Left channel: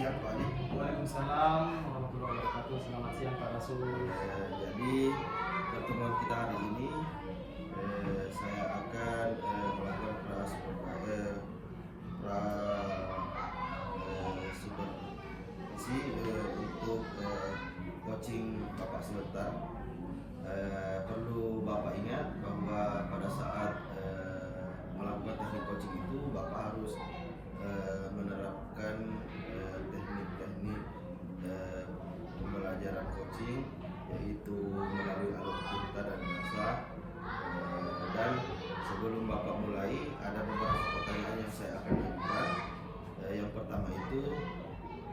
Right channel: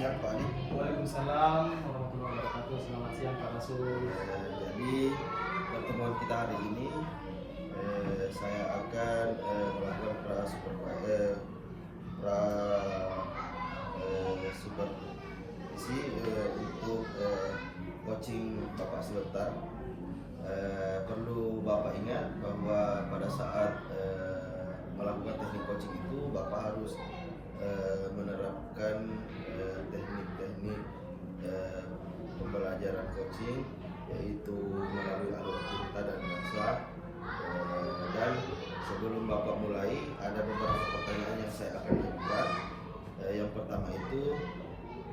siang Pak Ali. Waalaikumsalam warahmatullahi wabarakatuh. Selamat siang Pak Rasul. Jadi pertemuan kita hari ini saya akan melakukan supervisi untuk coaching Bapak sebentar. Perlu Bapak ingat bahwa pada saat melakukan teknik coaching itu Bapak harus menerapkan teknik-teknik pembelajaran coaching, yaitu melalui alur cerita dan bahasa. Dan sebelum Bapak mulai, ada beberapa pertanyaan yang saya akan ajukan. Yang pertama itu,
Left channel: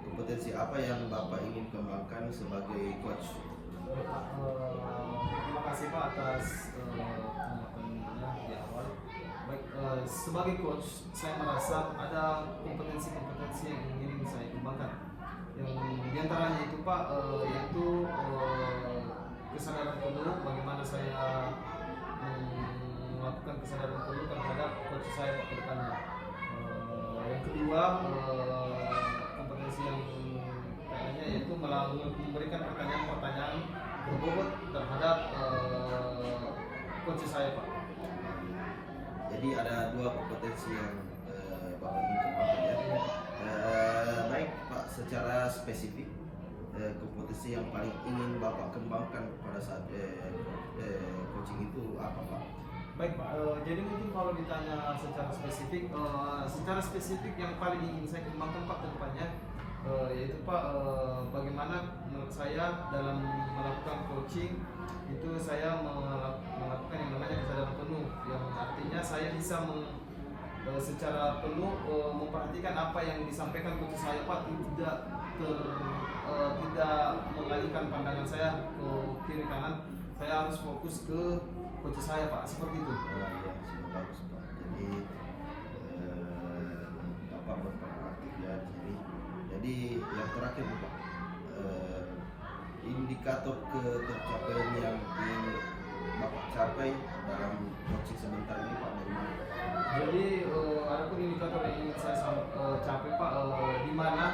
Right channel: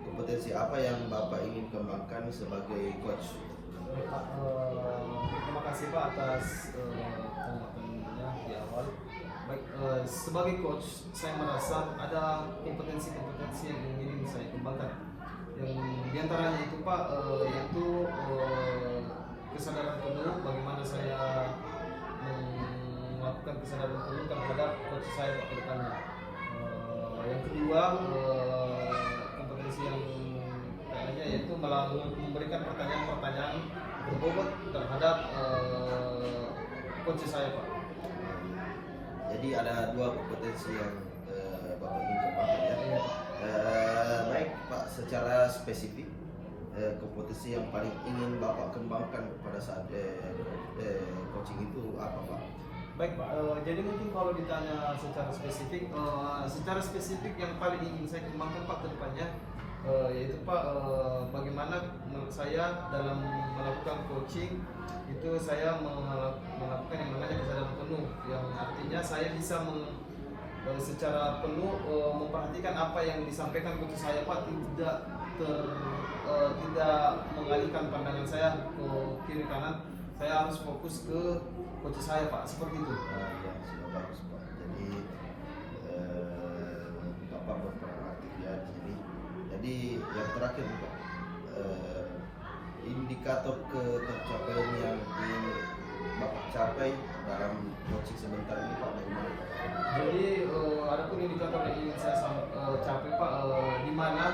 kompetensi apa yang Bapak ingin kembangkan sebagai coach? Terima kasih Pak atas tanggapannya di awal. Baik, sebagai coach saya merasa ada kompetensi-kompetensi yang ingin saya kembangkan. Yang diantaranya itu Pak, yaitu kesadaran penuh, bagaimana saya melakukan kesadaran penuh terhadap coach saya ke depannya. Yang kedua, kompetensi yang kayaknya yaitu memberikan pertanyaan-pertanyaan berbobot terhadap coach saya Pak. Jadi ada dua kompetensi yang Bapak ingin kembangkan ya. Iya, Pak. Baik Pak, secara spesifik kompetensi yang paling ingin Bapak kembangkan pada saat coaching itu apa Pak? Baik Pak, jadi mungkin kalau ditanya secara spesifik yang paling ingin saya kembangkan Pak ke depannya, yaitu Pak, bagaimana menurut saya dalam melakukan coaching itu saya melakukan yang namanya kesadaran penuh, yang artinya saya bisa secara penuh memperhatikan apa yang disampaikan coach saya Pak, tidak mengalihkan pandangan saya ke kiri kanan. Saya harus fokus ke coach saya Pak, seperti itu. Ya, sudah bagus Pak. Jadi Bapak berperan aktif ya di sini. Jadi yang terakhir Pak, indikator tercapaian yang ingin Bapak capai dalam coaching sebentar ini Pak, bagaimana? Jadi ada pun indikator yang ingin saya capai Pak, di mana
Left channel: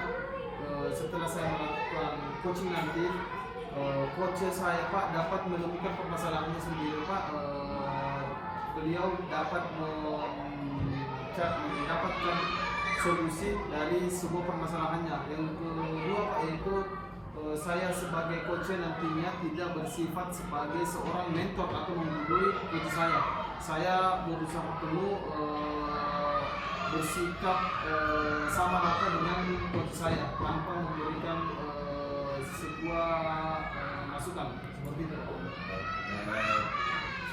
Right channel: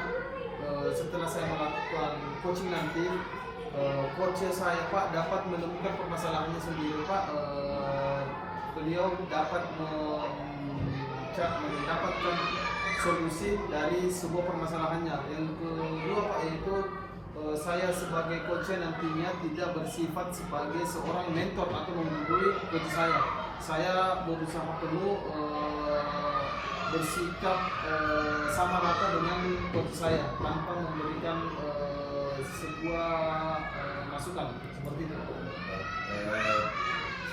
setelah saya melakukan coaching nanti, coach saya Pak dapat menemukan permasalahannya sendiri Pak. Beliau dapat mendapatkan solusi dari sebuah permasalahannya. Yang kedua Pak, yaitu saya sebagai coach nantinya tidak bersifat sebagai seorang mentor atau menggurui coach saya. Saya berusaha penuh bersikap sama rata dengan coach saya tanpa memberikan sebuah masukan seperti itu.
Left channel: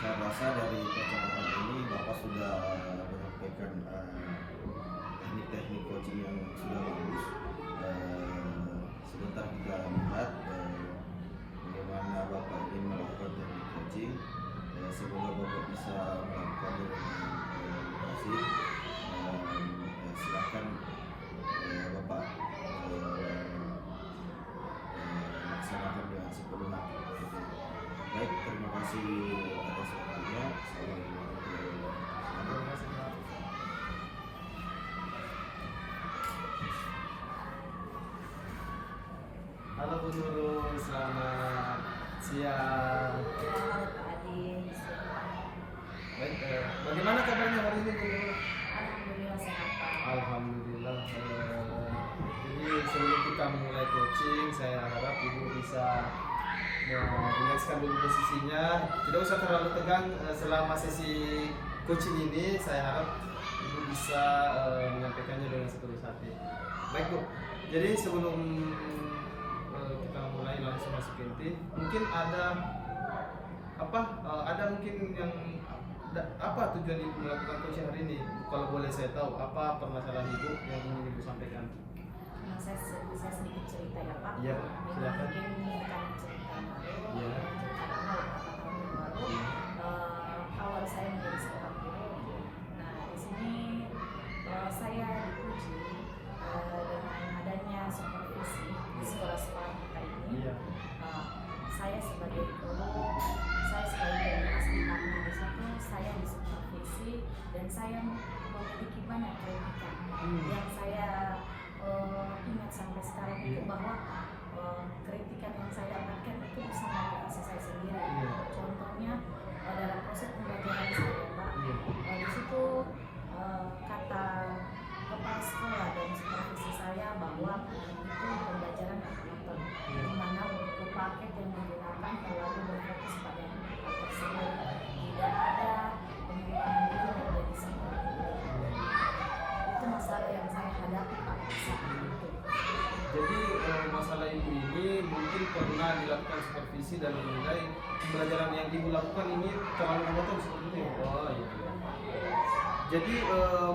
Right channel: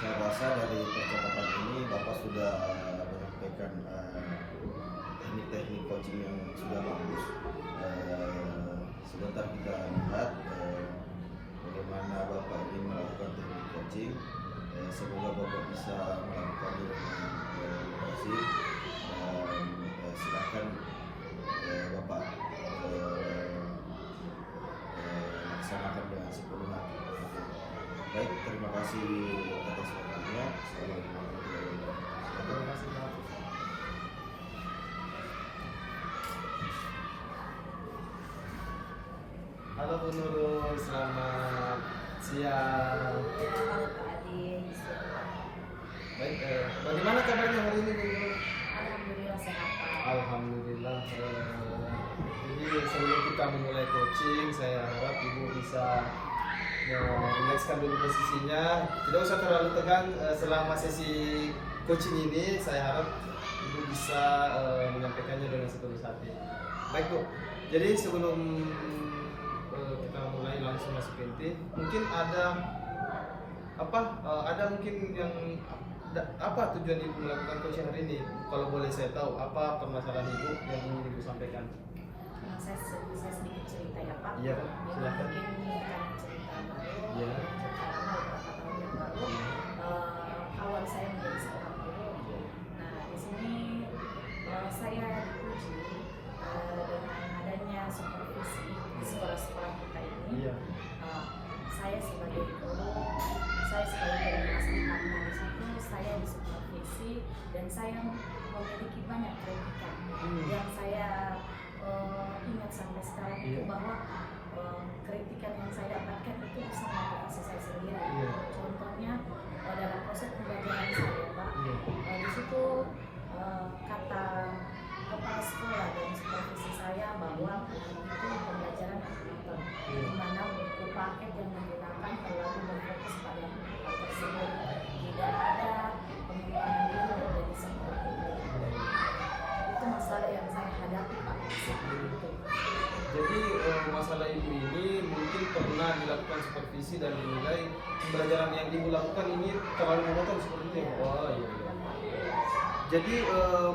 Saya rasa dari percakapan ini Bapak sudah menyampaikan teknik-teknik coaching yang sudah bagus. Sebentar kita lihat bagaimana Bapak ingin melakukan teknik coaching. Semoga Bapak bisa melakukannya dengan berhasil. Silakan Bapak laksanakan dengan sepenuh hati. Baik, terima kasih atas waktunya. Assalamualaikum warahmatullahi wabarakatuh. Terima kasih Pak. Halo Bu Nurul, selamat siang. Baik, bagaimana kabarnya hari ini Bu Nurul? Alhamdulillah sehat Pak. Alhamdulillah. Jadi sebelum kita memulai coaching, saya harap Ibu bisa merilekskan dulu posisinya. Tidak usah terlalu tegang selama sesi coaching ini. Saya harap Ibu bisa menyampaikannya dengan setulus hati. Baik Bu. Jadi sebelum kita mulai langsung masuk ke inti, mungkin ada mungkin yang apa tujuan Ibu melakukan coaching hari ini? Kalau boleh saya tahu, apa permasalahan Ibu yang ingin Ibu sampaikan? Saya sedikit cerita ya Pak. Iya Pak, silakan. Mungkin ini kan cerita baru. Iya. Cerita lama beberapa tahun yang lalu. Awal saya menjadi seorang guru. Nah di sini saya dipuji dengan adanya supervisi di sekolah-sekolah kita ini. Iya. Saya sebagai guru, saya sebagai generasi karena di satu saya disupervisi dan saya memiliki banyak kritikan yang saya ingat sampai sekarang itu bahwa kritikan yang saya dapatkan itu bisa memotivasi saya sendiri. Contohnya dalam proses pembelajaran saya, Pak, di situ kata kepala sekolah dan supervisi saya bahwa itu pembelajaran akuntan, di mana buku paket yang digunakan terlalu berfokus pada hal tersebut, tidak ada pengembangan diri dari sekolah. Itu masalah yang saya hadapi, Pak. Jadi masalah ibu ini mungkin pernah dilakukan supervisi dan dinilai pembelajaran yang ibu lakukan ini terlalu monoton seperti itu. Oh iya. Jadi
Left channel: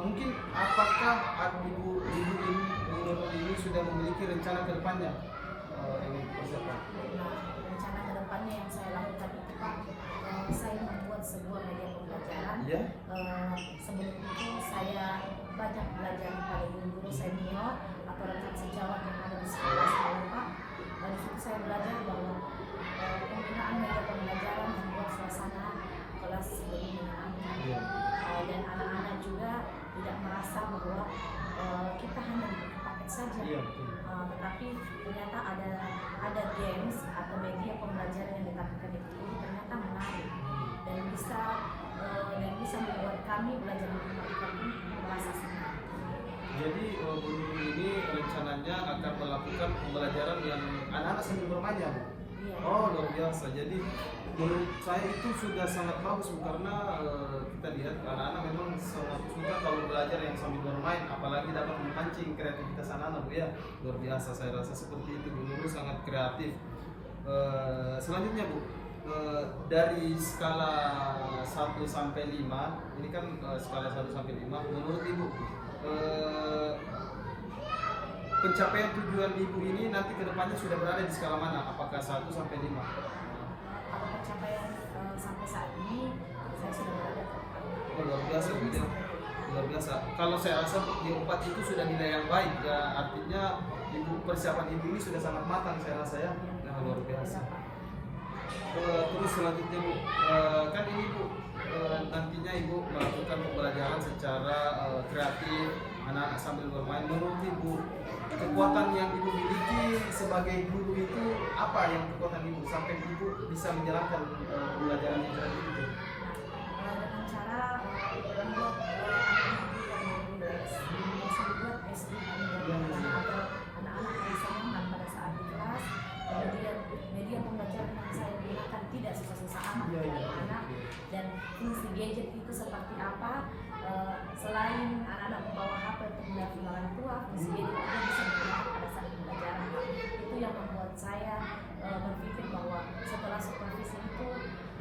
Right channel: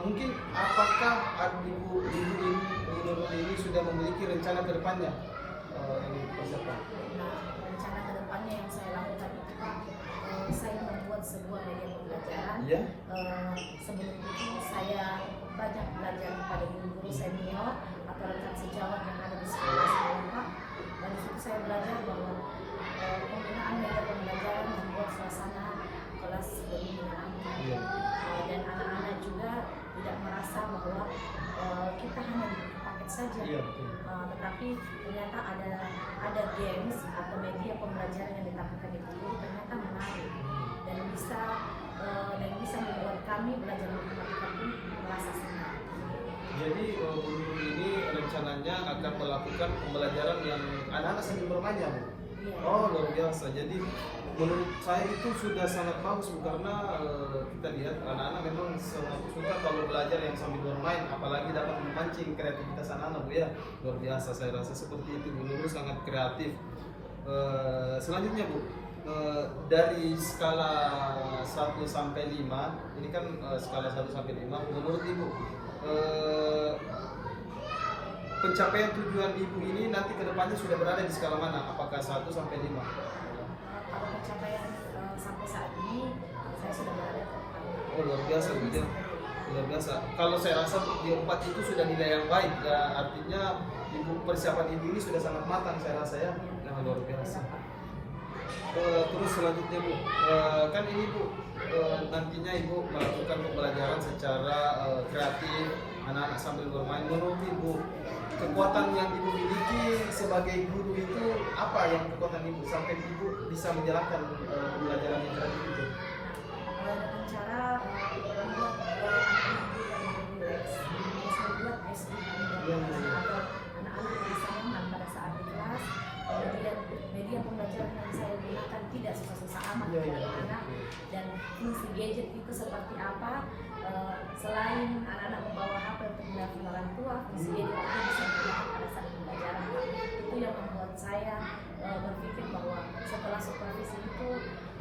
mungkin apakah ibu ini menurut ini sudah memiliki rencana ke depannya yang dipersiapkan? Nah, rencana ke depannya yang saya lakukan itu, Pak, saya membuat sebuah media pembelajaran. Iya. Sebelum itu saya banyak belajar pada guru-guru senior atau rekan sejawat yang ada di sekolah saya, Pak. Dari situ saya belajar bahwa penggunaan media pembelajaran membuat suasana kelas lebih menyenangkan. Iya. Dan anak-anak juga tidak merasa bahwa kita hanya di paket saja. Iya, betul. Tetapi ternyata ada games atau media pembelajaran yang ditampilkan di guru ternyata menarik dan bisa membuat kami belajar matematika pun merasa senang. Jadi guru ini rencananya akan melakukan pembelajaran yang anak-anak sambil bermain ya, Bu? Iya. Oh, luar biasa. Jadi menurut saya itu sudah sangat bagus, Bu, karena kita lihat anak-anak memang sangat suka kalau belajar yang sambil bermain, apalagi dapat memancing kreativitas anak-anak, Bu ya. Luar biasa, saya rasa seperti itu. Bu Nurul sangat kreatif. Selanjutnya, Bu, dari skala 1 sampai 5, ini kan skala 1 sampai 5, menurut Ibu pencapaian tujuan Ibu ini nanti kedepannya sudah berada di skala mana? Apakah 1 sampai 5? Kalau pencapaian sampai saat ini saya sudah berada. Oh, luar biasa, Bu ya. Luar biasa. Kalau saya rasa di 4 itu sudah nilai yang baik, artinya persiapan Ibu ini sudah sangat matang, saya rasa ya. Nah, luar biasa. Terus selanjutnya, Bu, kan ini, Bu, nantinya Ibu melakukan pembelajaran secara kreatif, anak-anak sambil bermain. Menurut Ibu, kekuatan yang Ibu miliki sebagai guru itu apa yang kekuatan Ibu sampai Ibu bisa menjalankan pembelajaran yang kreatif itu? Dengan cara membuat anak-anak agar anak-anak bisa nyaman pada saat di kelas. Kemudian media pembelajaran yang saya gunakan tidak susah-susah amat untuk anak-anak, dan fungsi gadget itu seperti apa. Selain anak-anak membawa HP untuk melihat orang tua, fungsi gadget itu bisa digunakan pada saat pembelajaran. Itu yang membuat saya berpikir bahwa setelah supervisi itu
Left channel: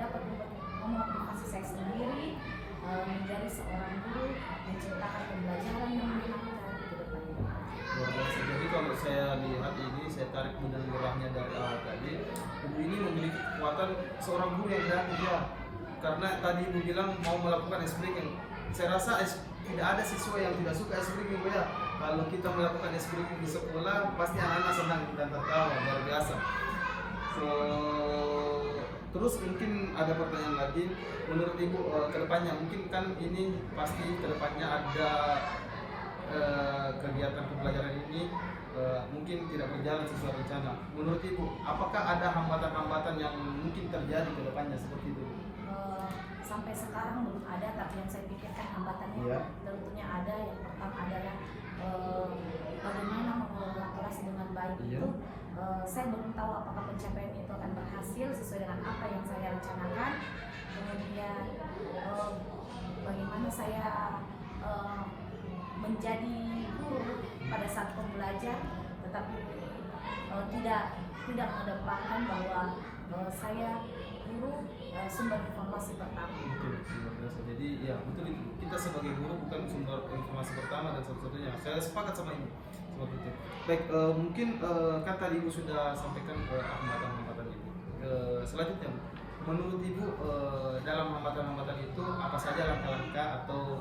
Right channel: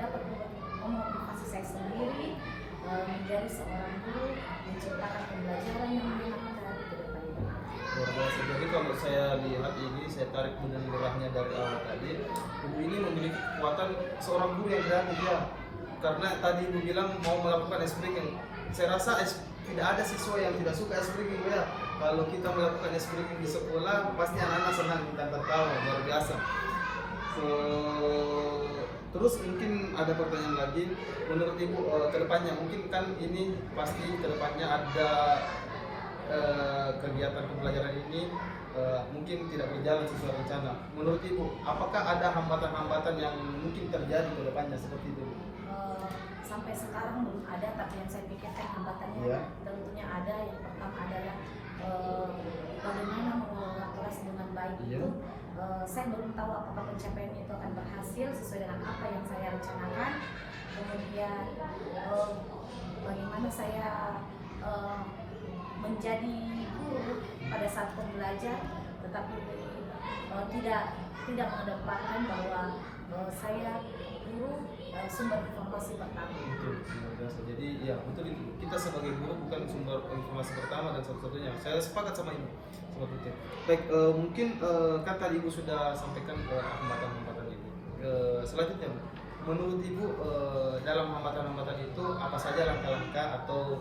dapat memotivasi saya sendiri menjadi seorang guru, menciptakan pembelajaran yang menyenangkan ke depannya. Luar biasa. Jadi kalau saya lihat ini, saya tarik benang merahnya dari awal tadi, Ibu ini memiliki kekuatan seorang guru yang kreatif ya. Karena tadi Ibu bilang mau melakukan ice breaking. Saya rasa tidak ada siswa yang tidak suka ice breaking, Bu ya. Kalau kita melakukan ice breaking di sekolah, pasti anak-anak senang dan tertawa, luar biasa. Terus mungkin ada pertanyaan lagi, menurut Ibu kedepannya mungkin kan ini pasti kedepannya ada kegiatan pembelajaran ini mungkin tidak berjalan sesuai rencana. Menurut Ibu, apakah ada hambatan-hambatan yang mungkin terjadi ke depannya seperti itu? Sampai sekarang belum ada, tapi yang saya pikirkan hambatannya tentunya ada. Yang pertama adalah bagaimana mengelola kelas dengan baik itu. Saya belum tahu apakah pencapaian itu akan berhasil sesuai dengan apa yang saya rencanakan. Kemudian bagaimana saya menjadi guru pada saat pembelajar, tetapi tidak mengedepankan bahwa saya guru sumber informasi pertama. Betul, jadi ya betul itu. Kita sebagai guru bukan sumber informasi pertama dan satu-satunya. Saya sepakat sama Ibu seperti itu. Baik, mungkin kan tadi Ibu sudah sampaikan ke hambatan-hambatan Ibu. Selanjutnya, Bu, menurut Ibu dalam hambatan-hambatan itu apa saja langkah-langkah atau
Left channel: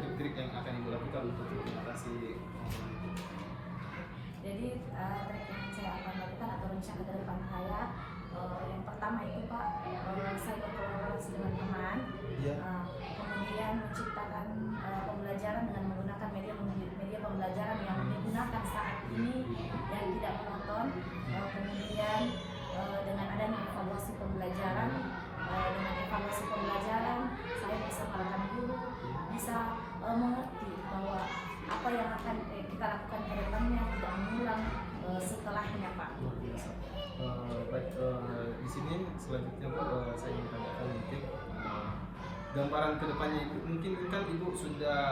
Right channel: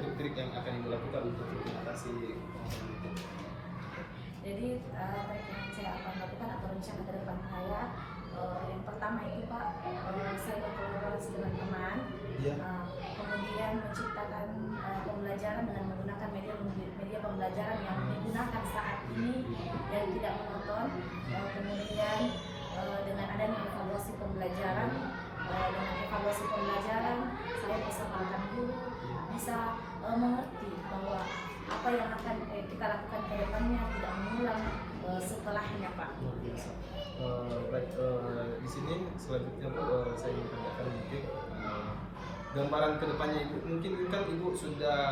trik-trik yang akan Ibu lakukan untuk mengatasi hambatan itu? Jadi trik yang saya akan lakukan atau rencana ke depan saya, yang pertama itu Pak, saya berkolaborasi dengan teman, kemudian menciptakan pembelajaran dengan menggunakan media pembelajaran yang gunakan saat ini dan tidak menonton. Kemudian dengan adanya evaluasi pembelajaran, saya bisa melakukan guru bisa mengerti bahwa apa yang akan kita lakukan ke depannya tidak mengulang setelahnya, Pak. Luar biasa. Baik, di sini selanjutnya Bu, saya ingin tanyakan mungkin gambaran kedepannya Ibu. Mungkin kan Ibu sudah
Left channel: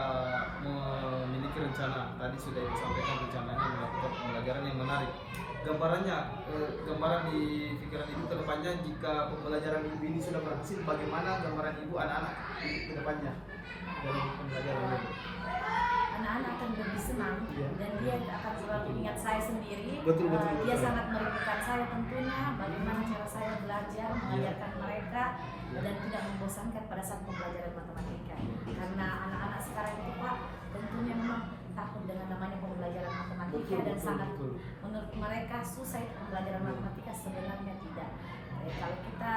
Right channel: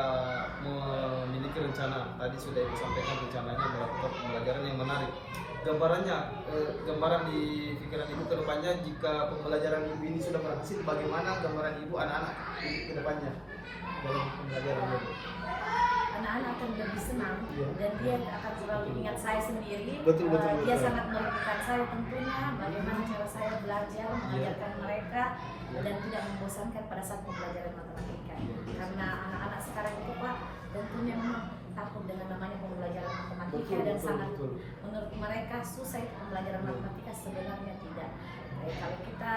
memiliki rencana, tadi sudah Ibu sampaikan rencananya melakukan pembelajaran yang menarik. Gambaran di pikiran Ibu kedepannya jika pembelajaran Ibu ini sudah berhasil, bagaimana gambaran Ibu anak-anak Ibu kedepannya dalam pembelajaran Ibu? Anak-anak akan lebih senang dan dia akan selalu ingat saya sendiri. Betul. Dia sangat merindukan saya tentunya, bagaimana cara saya belajar, mengajarkan mereka dan tidak membosankan pada saat pembelajaran matematika. Karena anak-anak sekarang itu Pak tentunya memang takut dengan namanya pembelajaran matematika dan sangat menurut mereka susah itu pembelajaran matematika, sebenarnya tidak. Kalau kita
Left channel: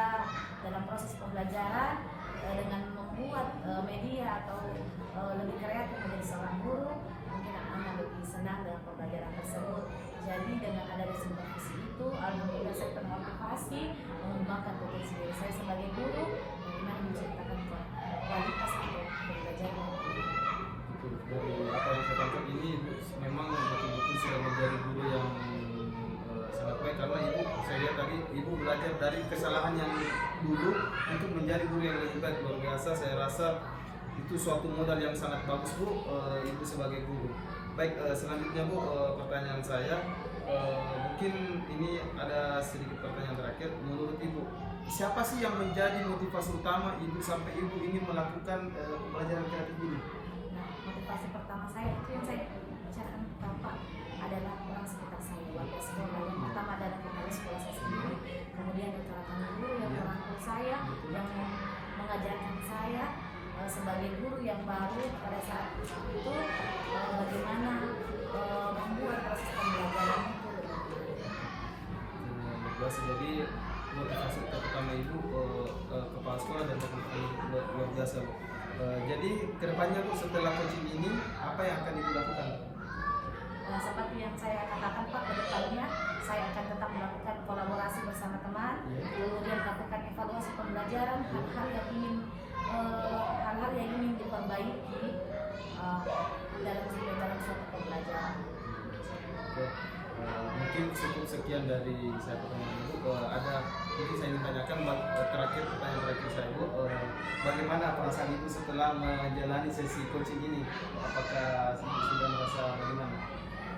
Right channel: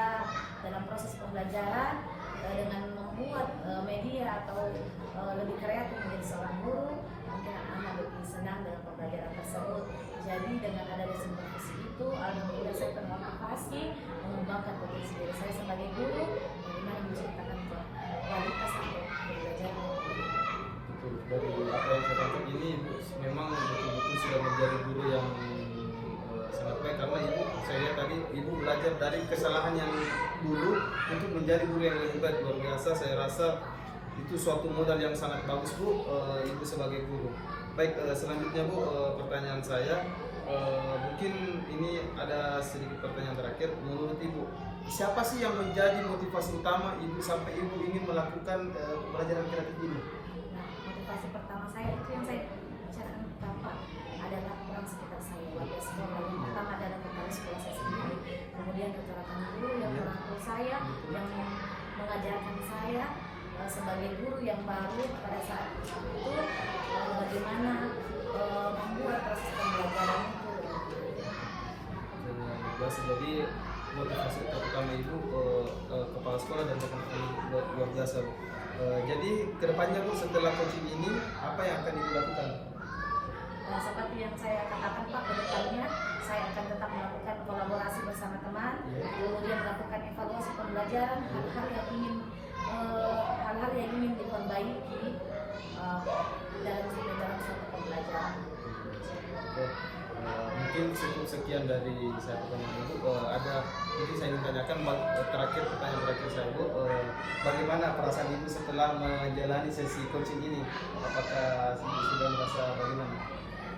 dalam proses pembelajaran dengan membuat media atau lebih kreatif menjadi seorang guru, mungkin anak-anak lebih senang dalam pembelajaran tersebut. Jadi dengan adanya supervisi itu, alhamdulillah saya termotivasi mengembangkan potensi diri saya sebagai guru, bagaimana menciptakan kualitas atau pembelajaran. Betul. Dari apa yang saya tangkap ini Ibu memang betul-betul sudah menjadi guru yang sangat baik, karena saya lihat tadi Ibu belajar dari kesalahan yang dulu untuk menjadi guru yang lebih baik. Luar biasa, saya rasa itu suatu modal yang sangat bagus Bu, Ibu sebagai guru. Baik, selanjutnya Bu, pertanyaan saya mungkin ini ada sedikit pertanyaan terakhir. Menurut Ibu, siapa sih yang menjadi motivasi utama Ibu sampai Ibu ingin melakukan pembelajaran kreatif ini? Nah, motivasi pertama saya itu yang saya bicarakan pertama adalah orang sekitar saya, warga sekolah. Yang pertama adalah kepala sekolah saya sendiri, kemudian rekan-rekan guru, yang orang tua saya, yang mengajarkan saya sebagai guru yang baru pada saat itu, bagaimana membuat proses pembelajaran itu lebih Biasa, jadi motivasi utama Ibu kepala sekolah dan rekan-rekan Ibu luar biasa Bu. Jadi kedepannya Bu, setelah coaching ini apa yang akan Ibu lakukan? Nah, seperti yang saya katakan Pak, kedepannya saya akan tetap melakukan kolaborasi bersama teman, kemudian melakukan evaluasi pembelajaran, hal-hal yang ingin diperbaiki dalam suatu pembelajaran. Oke. Mungkin cukup sekian dari saya pertanyaan Ibu. Mungkin saya ingin tanyakan pertanyaan terakhir saya Bu, bagaimana perasaan Ibu setelah menjalani sesi coaching ini? Apakah Ibu sudah merasa bagaimana?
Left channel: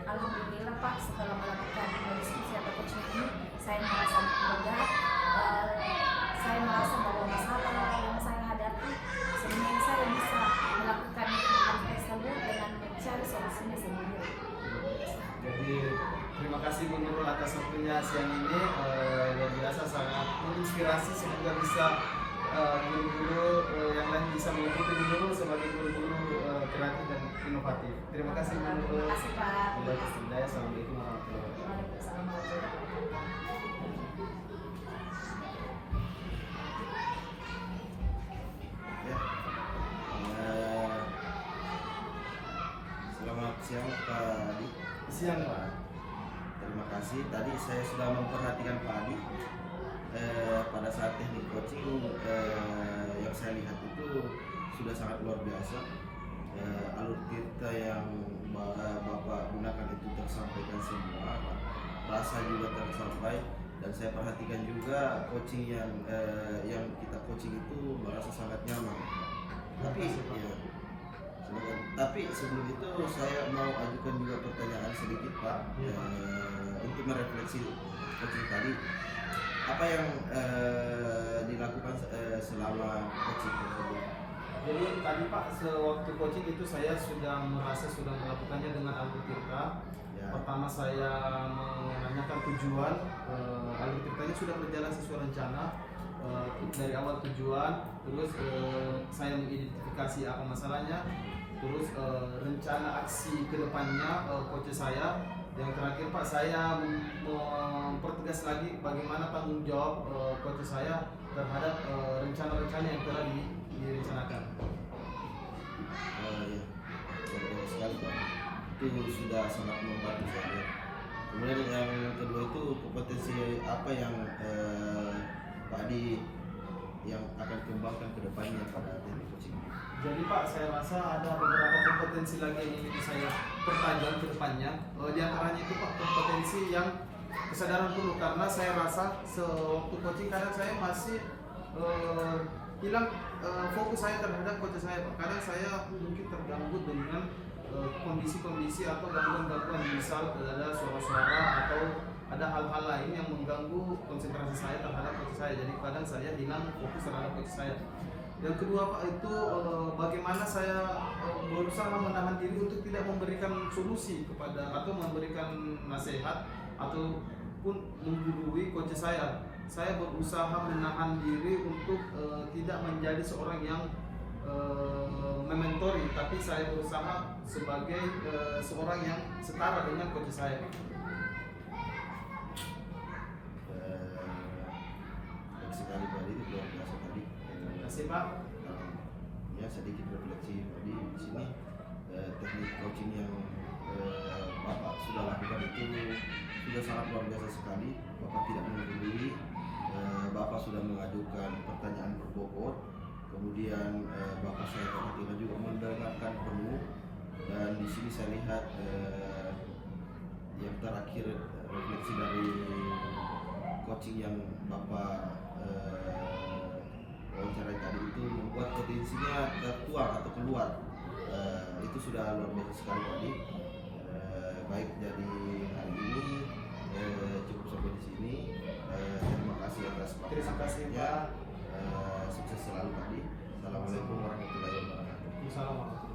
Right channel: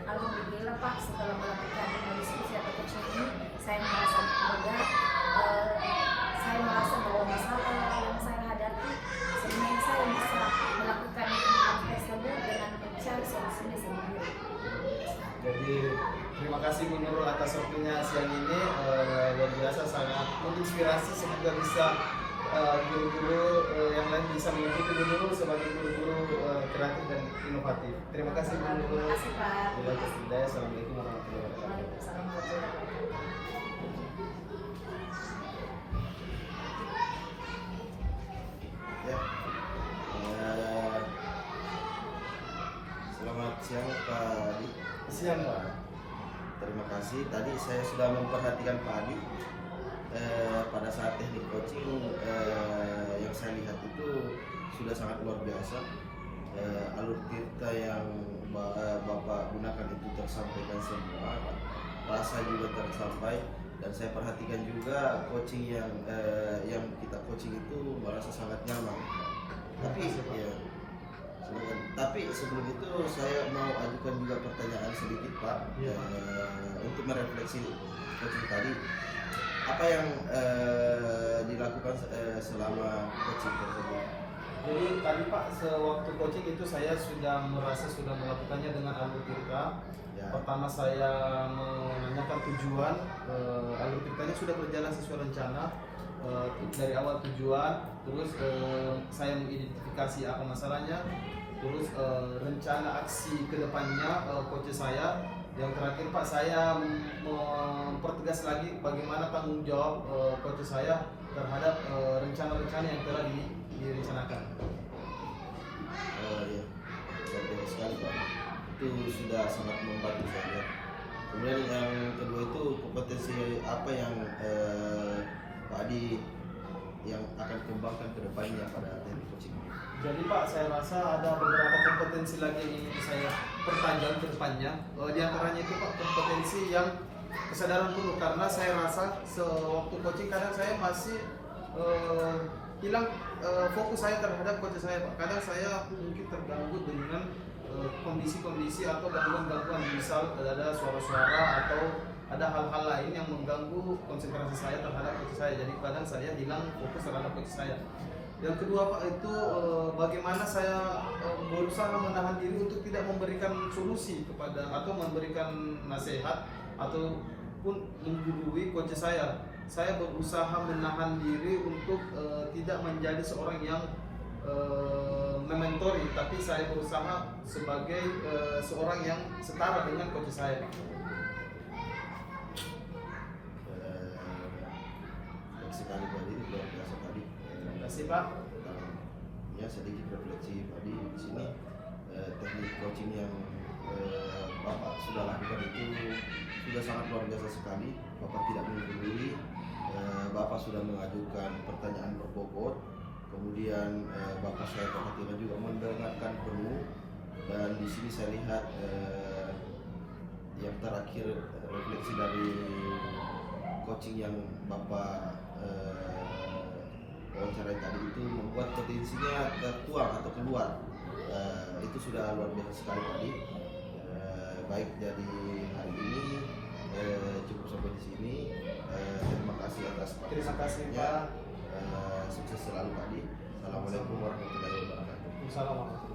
Alhamdulillah Pak, setelah melakukan diskusi atau coaching ini, saya merasa lega. Saya merasa bahwa masalah yang saya hadapi sebenarnya saya bisa melakukan hal tersebut dengan mencari solusinya sendiri. Jadi terima kasih Bu Nurul atas waktunya siang ini, luar biasa, sangat menginspirasi. Semoga bisa guru-guru yang lain bisa mengikuti Bu Nurul sebagai guru-guru kreatif dan inovatif. Terima kasih Bu Nurul. Terima kasih Pak. Assalamualaikum warahmatullahi wabarakatuh. Waalaikumsalam warahmatullahi wabarakatuh. Ya. Selamat siang Pak Adi. Siang Pak. Terima kasih. Tadi saya sudah memperhatikan Pak Adi. Pada saat teknik coaching yang saya lihat itu sudah sangat luar biasa. Alur cerita yang Bapak gunakan itu tersampaikan semua, rasa juga tersampai, dan saya perhatikan juga coaching yang kita coaching itu merasa sangat nyaman. Tapi sebelum itu saya mau ajukan juga pertanyaan sedikit Pak, untuk merefleksi coaching tadi. Apa yang dilakukan selama coaching tersebut? Jadi tadi Pak, sewaktu coaching itu saya sudah melakukannya dengan alur tirta. Ya. Pertama saya menanyakan tujuan, alur tirtanya sudah berjalan sesuai rencana. Dari awal tujuan, terus saya mengidentifikasi apa masalahnya, terus rencana aksi kedepannya coach saya. Yang terakhir Pak, saya mempertegas lagi bagaimana tanggung jawab coach saya terhadap rencana-rencana yang telah direncanakan. Iya, luar biasa sekali Pak. itu sudah sangat membantu saya. Kemudian yang kedua itu kompetensi apa yang Pak Adi yang akan kembangkan ke depannya pada teknik coaching ini? Jadi Pak, saya rasa ada beberapa kompetensi lagi yang ingin saya pertajam ke depannya. Di antaranya itu Pak, kompetensi yang kesadaran penuh, karena saya rasa sewaktu coaching kadang saya masih hilang fokus saya terhadap coach saya Pak. Kadang saya mungkin terganggu dengan kondisi-kondisi atau gangguan-gangguan, misal ada suara-suara atau ada hal-hal lain yang mengganggu konsentrasi saya terhadap coach saya. Jadi kadang saya hilang fokus terhadap coach saya. Yang kedua Pak, itu bagaimana saya berusaha menahan diri untuk tidak memberikan solusi kepada atau memberikan nasihat ataupun menggurui coach saya. Saya berusaha menahan diri untuk tidak menjadi seorang yang mementori, tapi saya berusaha sebagai seorang yang setara dengan coach saya Pak. Baik sekali Pak Adi, luar biasa tadi. Terima kasih Pak. Ya sedikit refleksi Pak Adi di sini, teknik coaching yang Bapak sudah lakukan itu sudah sangat luar biasa sekali. Bapak tidak menggurui, Bapak sudah mengajukan pertanyaan berbobot, kemudian Bapak saya perhatikan juga mendengarkan penuh, dan di sini saya lihat yang terakhir refleksi dari coaching yang Bapak wawancarai tadi itu membuat potensinya tertuang atau keluar. Itu sudah luar biasa sekali tadi. Baik, jadi hari ini cukup sampai di sini. Terima kasih atas Terima kasih Pak. Sukses selalu Pak Adi. Assalamualaikum warahmatullahi wabarakatuh. Assalamualaikum.